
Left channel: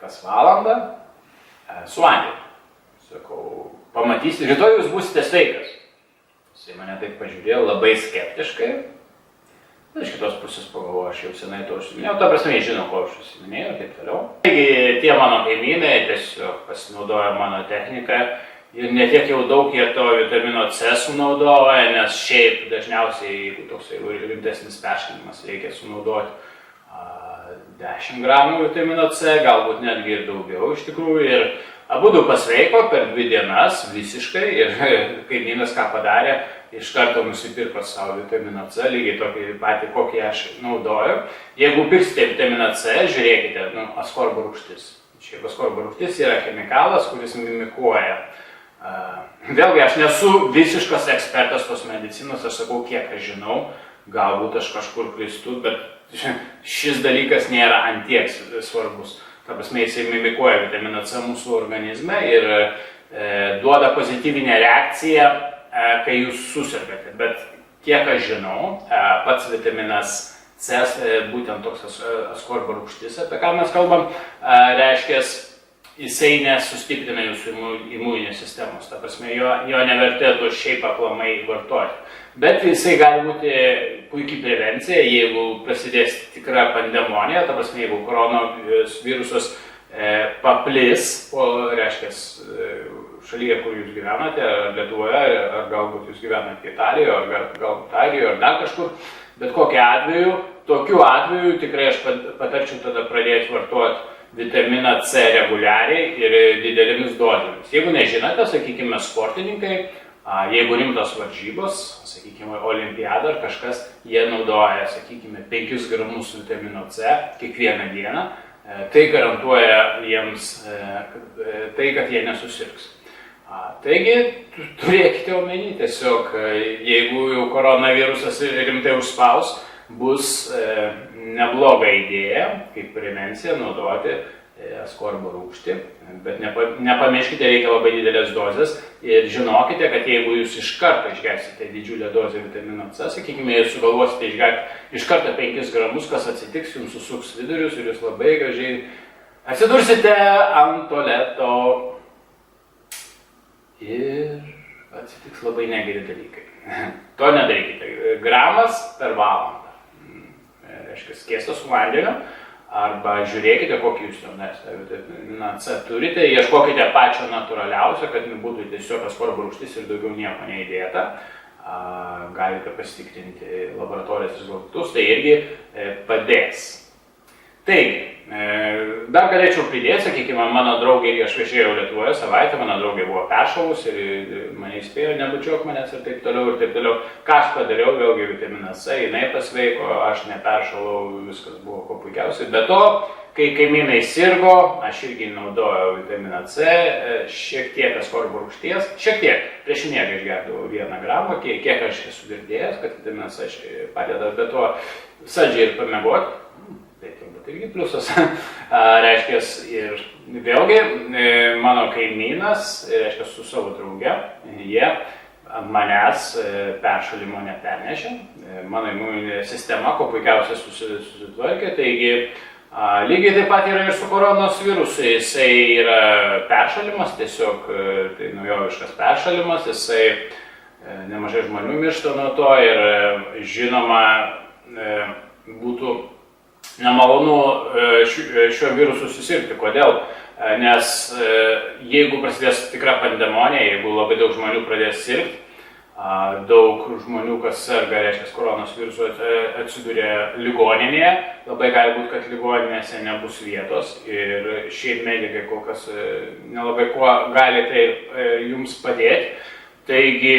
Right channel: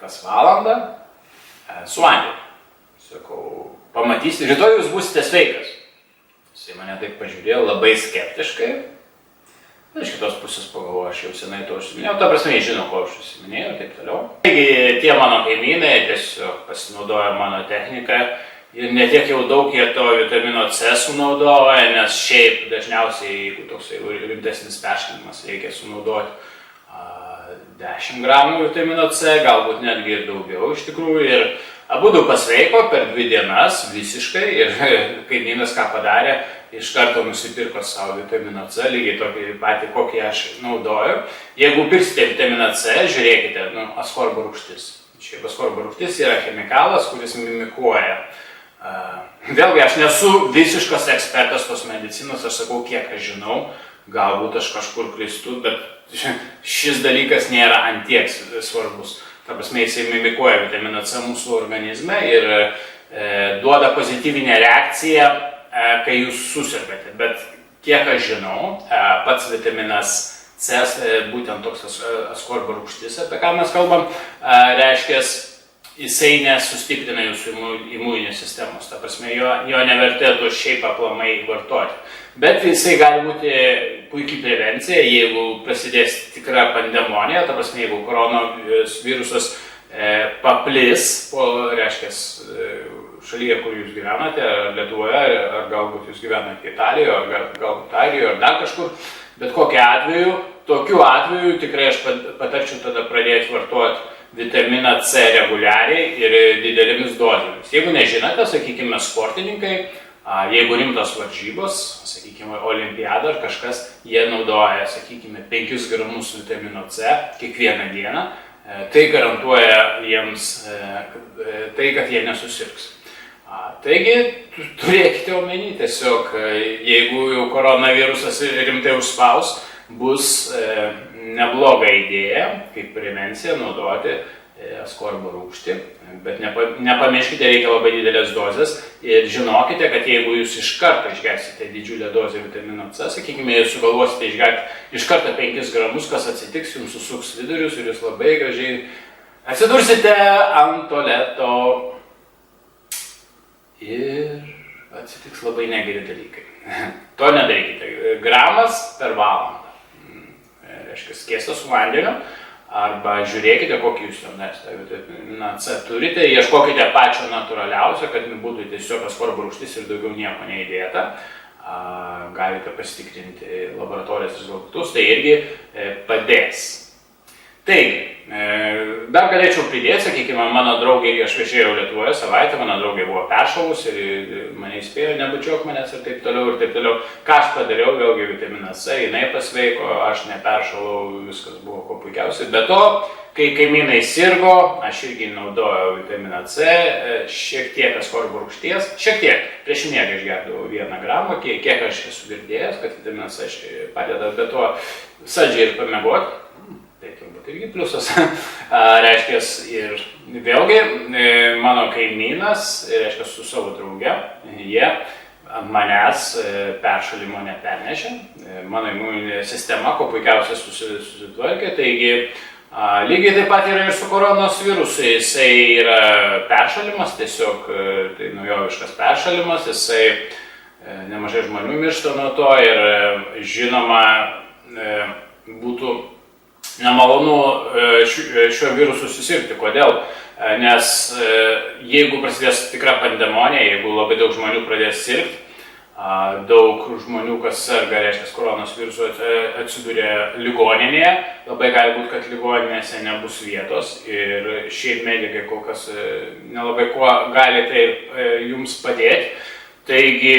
kas valandą su vandeniu. Sakau, pamatysite, rytoj jūs būsite sveikas. Jisai mane taip pažiūrėjo labai skeptiškai. Iš kitos pusės pagalvoju, aš jau senai to užsiminėjau, ta prasme, jie žino, ko aš užsiminėjau ir taip toliau. Taigi tie mano kaimynai tiesiog pasinaudojo mano techniką ir ne tiek jau daug jie to vitamino C sunaudoja, nes šiaip dažniausiai, jeigu toks rimtesnis peršalimas, reikia sunaudoti 10 gramų vitamino C, galbūt netgi ir daugiau iš tikrųjų. Ir abudu pasveiko per 2 dienas visiškai ir kaimynas ką padarė, iš karto nusipirko savo vitaminą C, lygiai tokį patį, kokį aš naudoju. Jeigu pirksite vitaminą C, žiūrėkite, askorbo rūgštis. Šiaip askorbo rūgštis yra chemikalas, kuris mimikuoja. Vėlgi, aš nesu visiškas ekspertas tos medicinos, aš sakau, kiek aš žinau, galbūt aš kažkur klystu, bet šis dalykas nėra antiek svarbus. Ta prasme, jisai mimikuoja vitaminą C mūsų organizme ir duoda pozityvinę reakciją, kai jūs susirgate. Bet kiek aš žinau, pats vitaminas C, būtent toks askorbo rūgštis, apie ką mes kalbam, reiškia, jisai nesustiprina jūsų imuninės sistemos. Ta prasme, jo nevertėtų šiaip aplamai vartoti. Bet jisai gali būti puikiai prevencija, jeigu prasidės tikra pandemonija, ta prasme, jeigu koronavirusas paplis, reiškia, šalyje, kur jūs gyvenate, ar Lietuvoje, ar galbūt jūs gyvenate Italijoje, ar galbūt Airijoje, ar dar kažkur, bet tokiu atveju tikrai aš patarčiau tada pradėti vartoti vitaminą C reguliariai ir didelėmis dozėmis. Jeigu nežinote, sakykime, sportininkai, jeigu rimtos varžybos, sakykime, olimpiada ar kažkas, jie naudoja, sakykime, 5 gramus vitamino C kiekvieną dieną, tai garantuoja jiems tai, kad jie nesusirgs. Taigi, turėkite omeny, tiesiog, jeigu jau koronavirusas rimtai užspaus, bus nebloga idėja, kaip prevencija, naudoti askorbo rūgštį, bet nepamirškite, reikia labai didelės dozės ir žinokite, kad jeigu jūs iš karto išgersite didžiulę dozę vitamino C, sakykime, jūs sugalvosite išgerti iš karto 5 gramus, kas atsitiks, jums susuks vidurius ir jūs labai gražiai atsidursite ant tualeto ir atsitiks labai negeri dalykai. To nedarykite. Gramas per valandą. Reiškia, skiestas su vandeniu. arba žiūrėkite, kokį jūs jau vitamina C turite, ieškokite pačio natūraliausio, kad būtų tiesiog askorbo rūgštis ir daugiau nieko neįdėta. Galite pasitikrinti laboratorijos rezultatus, tai irgi padės. Taigi, dar galėčiau pridėti, sakykime, mano draugė, aš viešėjau Lietuvoje savaitę, mano draugė buvo peršalus ir mane įspėjo, nebučiuok manęs ir taip toliau. Ką aš padariau, vėlgi vitaminas C, jinai pasveiko, aš neperšalau, viskas buvo kuo puikiausiai. Be to, kai kaimynai sirgo, aš irgi naudojau vitaminą C, šiek tiek askorbo rūgšties, šiek tiek, prieš miegą išgerdavau 1 gramą, kiek aš esu girdėjęs, kad vitaminas C padeda, be to saldžiai ir pamiegoti. Tai turbūt irgi pliusas, reiškia, ir vėlgi mano kaimynas, reiškia, su savo drauge, jie ant manęs peršalimo nepernešė, mano imuninė sistema kuo puikiausiai susitvarkė, taigi lygiai taip pat yra ir su koronos virusu, jisai yra peršalimas, tiesiog tai naujoviškas peršalimas, jisai nemažai žmonių miršta nuo to ir žinoma būtų nemalonu šiuo virusu susirgti. Kodėl? Nes jeigu prasidės tikra pandemonija, jeigu labai daug žmonių pradės sirgti, daug žmonių, kas serga, reiškia, koronos virusu atsiduria ligoninėje, labai gali būti, kad ligoninėse nebus vietos ir šiaip medikai kol kas nelabai kuo gali tai jums padėti. Taigi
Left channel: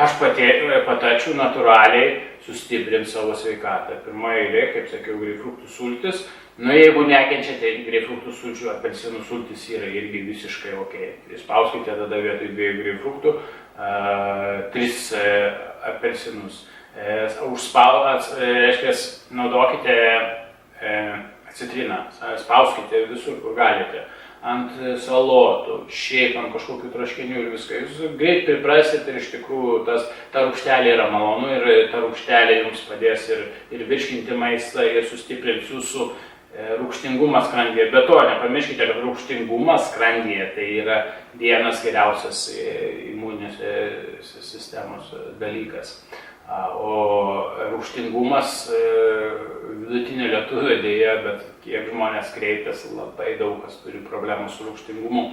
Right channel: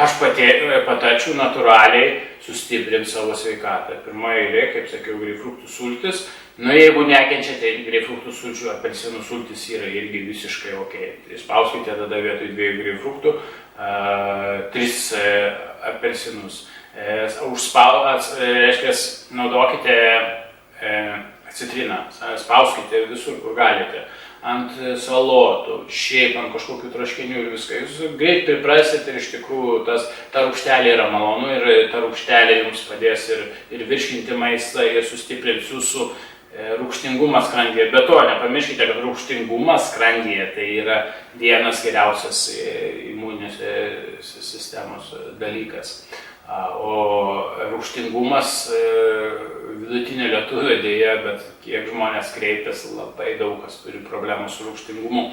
aš patarčiau natūraliai sustiprinti savo sveikatą. Pirmoje eilėje, kaip sakiau, greipfruktų sultis. Jeigu nekenčiate greipfruktų sulčių, apelsinų sultis yra irgi visiškai ok. Spauskite tada vietoj 2 greipfruktų 3 apelsinus. Reiškia, naudokite citriną, spauskite visur, kur galite. Ant salotų, šiaip ant kažkokių troškinių ir viską. Jūs greit priprasit ir iš tikrųjų ta rūgštelė yra malonu ir ta rūgštelė jums padės ir virškinti maistą ir sustiprins jūsų rūgštingumą skrandyje. Be to, nepamirškite, kad rūgštingumas skrandyje tai yra vienas geriausias imuninės sistemos dalykas. O rūgštingumas vidutinio lietuvio dėja, bet kiek žmonės kreipiasi, labai daug kas turi problemų su rūgštingumu.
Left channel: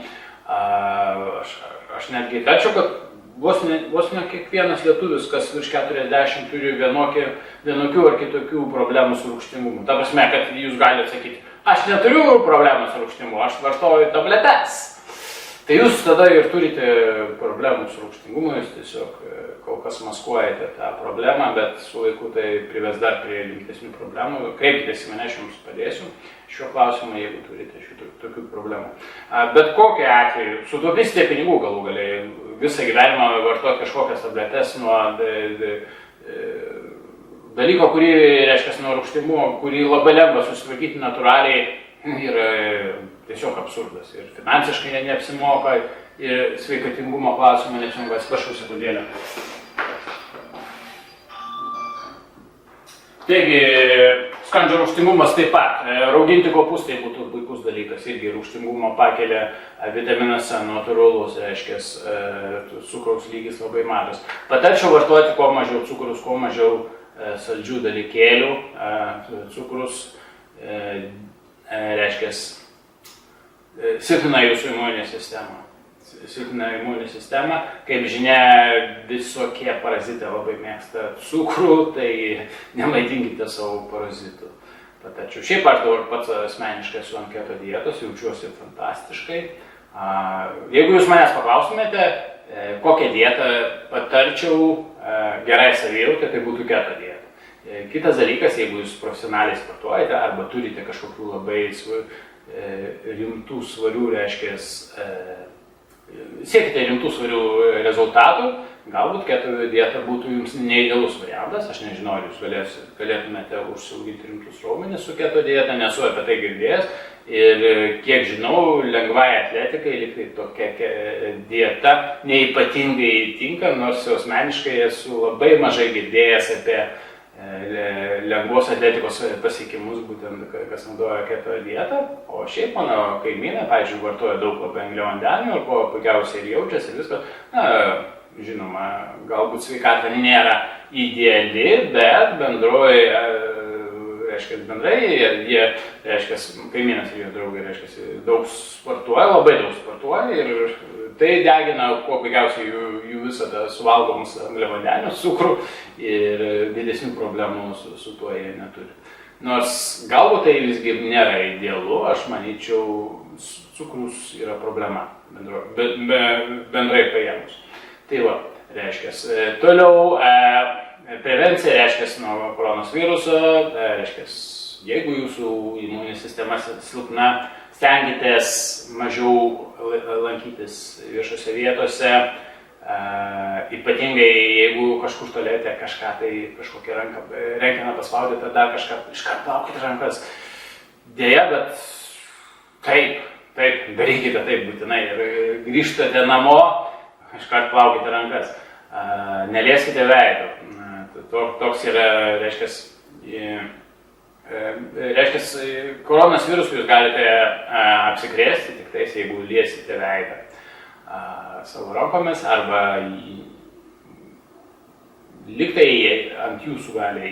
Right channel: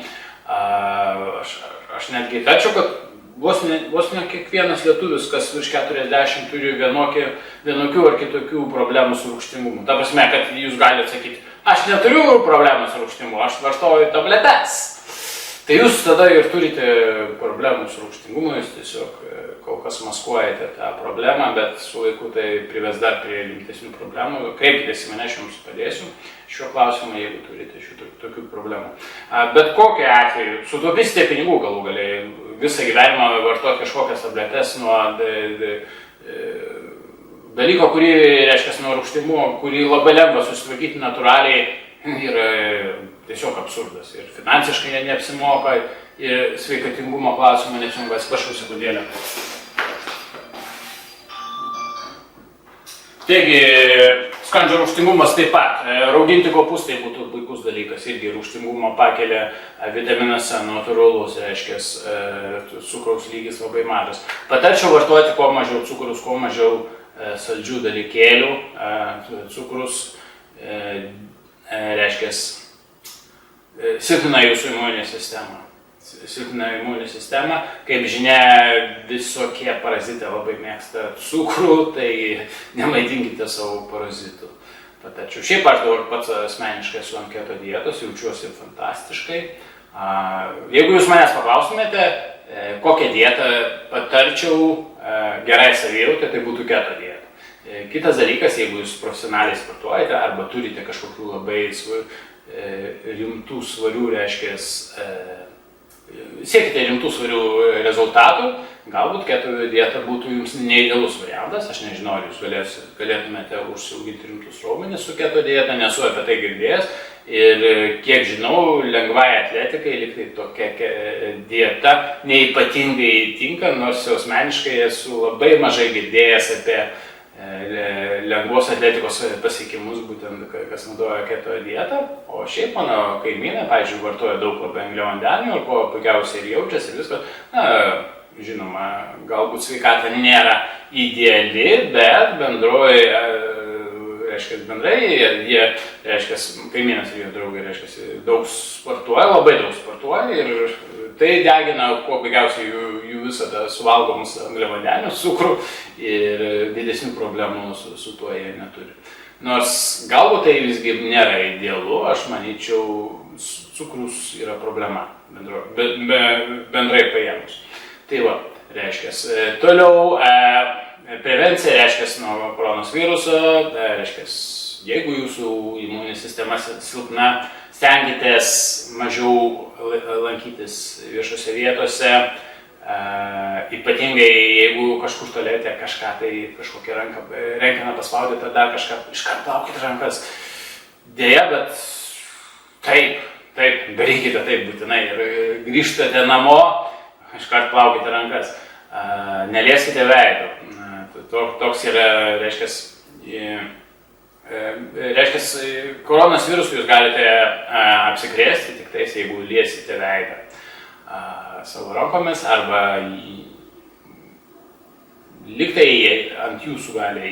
Aš netgi tačiau, kad vos ne kiekvienas lietuvis, kas virš 40 turi vienokių ar kitokių problemų su rūgštingumu. Ta prasme, kad jūs galite sakyti, aš neturiu problemų su rūgštingumu, aš vartoju tabletes. Tai jūs tada ir turite problemų su rūgštingumu, jūs tiesiog kol kas maskuojate tą problemą, bet su laiku tai prives dar prie rimtesnių problemų. Kreipkitės į mane, aš jums padėsiu šiuo klausimu, jeigu turite tokių problemų. Bet kokiu atveju, sutaupysite pinigų galų galiai, visą gyvenimą vartoti kažkokias tabletes nuo dalyko, kurį, reiškia, nuo rūgštingumo, kurį labai lengva susitvarkyti natūraliai, yra tiesiog absurdas. Ir finansiškai neapsimoka, ir sveikatingumo klausimą neapsimoka. Atsiprašau sekundėlę. Taigi, skrandžio rūgštingumas taip pat. Rauginti kopūstai būtų puikus dalykas. Irgi rūgštingumo pakelia vitaminas C, natūralus, reiškia, cukraus lygis labai mažas. Patarčiau vartoti kuo mažiau cukrus, kuo mažiau saldžių dalykėlių. Cukrus, reiškia, silpnina jūsų imuninę sistemą. Kaip žinia, visokie parazitai labai mėgsta cukrų, tai nemaitinkite savo parazitų. Patarčiau. Šiaip aš dabar pats asmeniškai esu ant keto dietos, jaučiuosi fantastiškai. Jeigu jūs manęs paklaustumėte, kokią dietą patarčiau gerai savijautai, tai būtų keto dieta. Kitas dalykas, jeigu jūs profesionaliai sportuojate arba turite kažkokių labai rimtų svarių, reiškia, siekite rimtų svarių rezultatų, galbūt keto dieta būtų jums neidealus variantas. Aš nežinau, ar jūs galėtumėte užsiauginti rimtus raumenis su keto dieta, nesu apie tai girdėjęs. Ir kiek žinau, lengvai atletikai liktai tokia dieta neipatingai tinka, nors asmeniškai esu labai mažai girdėjęs apie lengvos atletikos pasiekimus, būtent kas naudoja keto dietą. O šiaip mano kaimynai, pavyzdžiui, vartoja daug labai angliavandenių, ir ko puikiausiai ir jaučiasi ir viskas. Žinoma, galbūt sveikata nėra ideali, bet bendroji, reiškia, bendrai, jie reiškia, kaimynas ir jo draugai, reiškia, daug sportuoja, labai daug sportuoja ir tai degina kuo baigiausiai jų visą tą suvalgomus angliavandenius, cukrų ir didesnių problemų su tuo jie neturi. Nors galbūt tai visgi nėra idealu, aš manyčiau, cukrus yra problema bendrai paėmus. Tai va, reiškia, toliau prevencija, reiškia, nuo koronos viruso, reiškia, jeigu jūsų imuninė sistema silpna, stenkitės mažiau lankytis viešose vietose, ypatingai jeigu kažkur tolėte kažką, tai kažkokią rankeną paspaudėte, dar kažką, iškart plaukite rankas. Deja, bet taip, darykite taip būtinai ir grįžtate namo, iškart plaukite rankas, nelieskite veido. Toks yra, reiškia, koronos virusų jūs galite apsikrėsti tik tais, jeigu liesite veidą savo rankomis arba liktai ant jūsų gali,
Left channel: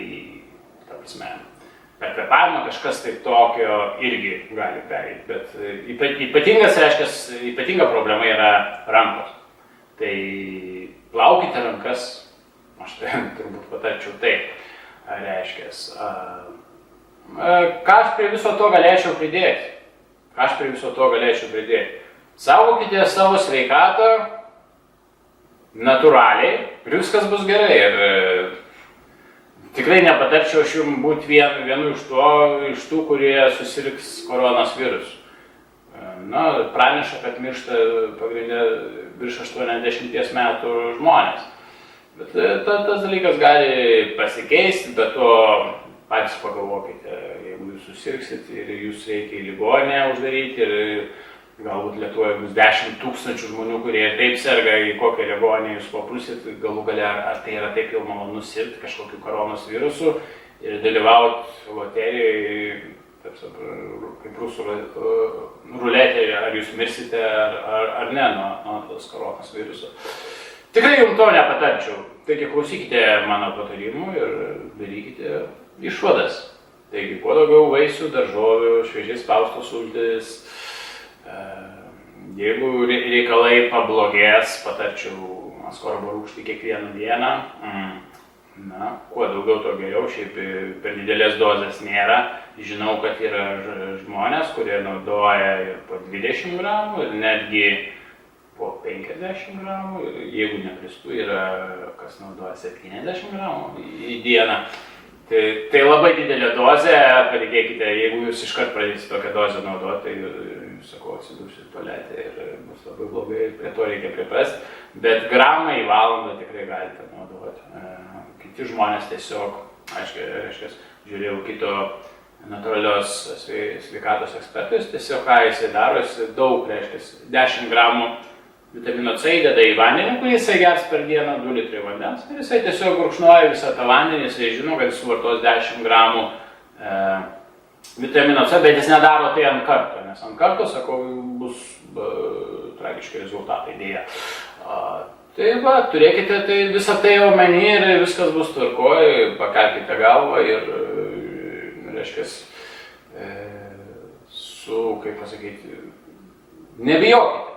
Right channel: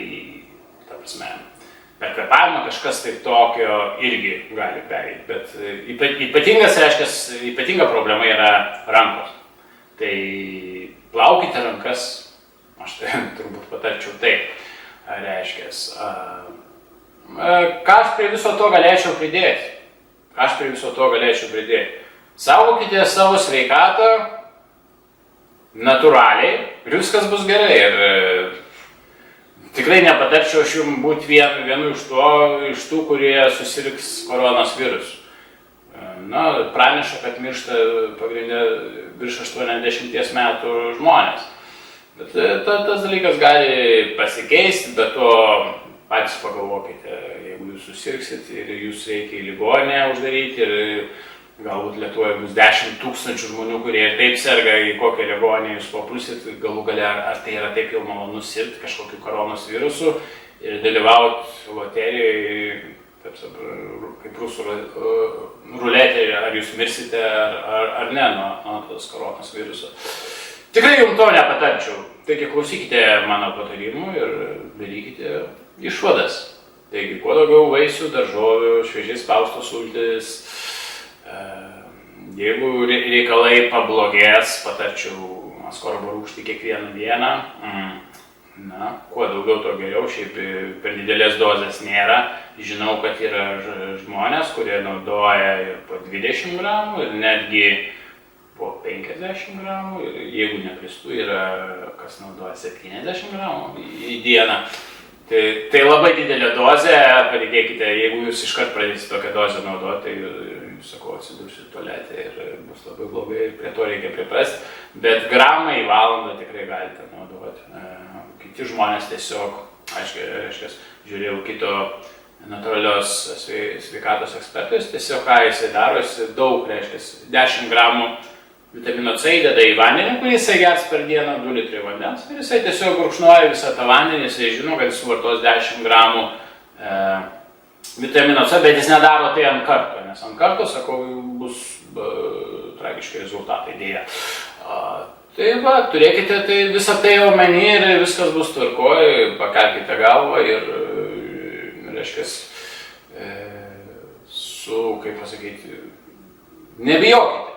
ta prasme, per kvėpavimą kažkas tai tokio irgi gali pereiti, bet ypatinga problema yra rankos. Tai plaukite rankas, aš tai turbūt patarčiau taip, reiškia. Ką aš prie viso to galėčiau pridėti? Saugokite savo sveikatą natūraliai ir viskas bus gerai. Ir tikrai nepatarčiau aš jums būti vienu iš tų, kurie susirgs koronos virusu. Praneša, kad miršta pagrindė virš 80 metų žmonės. Bet tas dalykas gali pasikeisti, bet to patys pagalvokite, jeigu jūs susirgsit ir jūs reikia į ligoninę uždaryti ir galbūt Lietuvoje bus 10 000 žmonių, kurie ir taip serga, į kokią ligoninę jūs papulsit, galų gale, ar tai yra taip jau malonu sirgti kažkokiu koronos virusu ir dalyvauti loterijoje, kaip rusų ruletė, ar jūs mirsite ar ne nuo tos koronos viruso. Tikrai jums to nepatarčiau. Taigi klausykite mano patarimų ir darykite išvadas. Taigi kuo daugiau vaisių, daržovių, šviežiai spaustos sultys. Jeigu reikalai pablogės, patarčiau askorbo rūgštį kiekvieną dieną. Kuo daugiau, to geriau, šiaip per didelės dozės nėra. Žinau, kad yra žmonės, kurie naudoja ir po 20 gramų ir netgi po 50 gramų. Ir jeigu nekristų, yra kas naudoja 70 gramų į dieną. Tai labai didelė dozė, patikėkite, jeigu jūs iškart pradėsite tokią dozę naudoti, tai sakau, atsidursit tualete ir bus labai blogai ir prie to reikia priprasti. Bet gramą į valandą tikrai galite naudoti. Kiti žmonės tiesiog, aiškiai, žiūrėjau kito natūralios sveikatos ekspertus, tiesiog ką jisai daro, jisai daug, reiškia, 10 gramų vitamino C įdeda į vandenį, kurį jisai gers per dieną 2 litrai vandens. Ir jisai tiesiog gurkšnoja visą tą vandenį, jisai žino, kad jis suvartos 10 gramų vitamino C, bet jis nedaro tai ant karto, nes ant karto, sakau, bus tragiški rezultatai dėja. Tai va, turėkite tai visą tai omeny ir viskas bus tvarkoj, pakelkite galvą ir, reiškia, kaip pasakyti, nebijokite.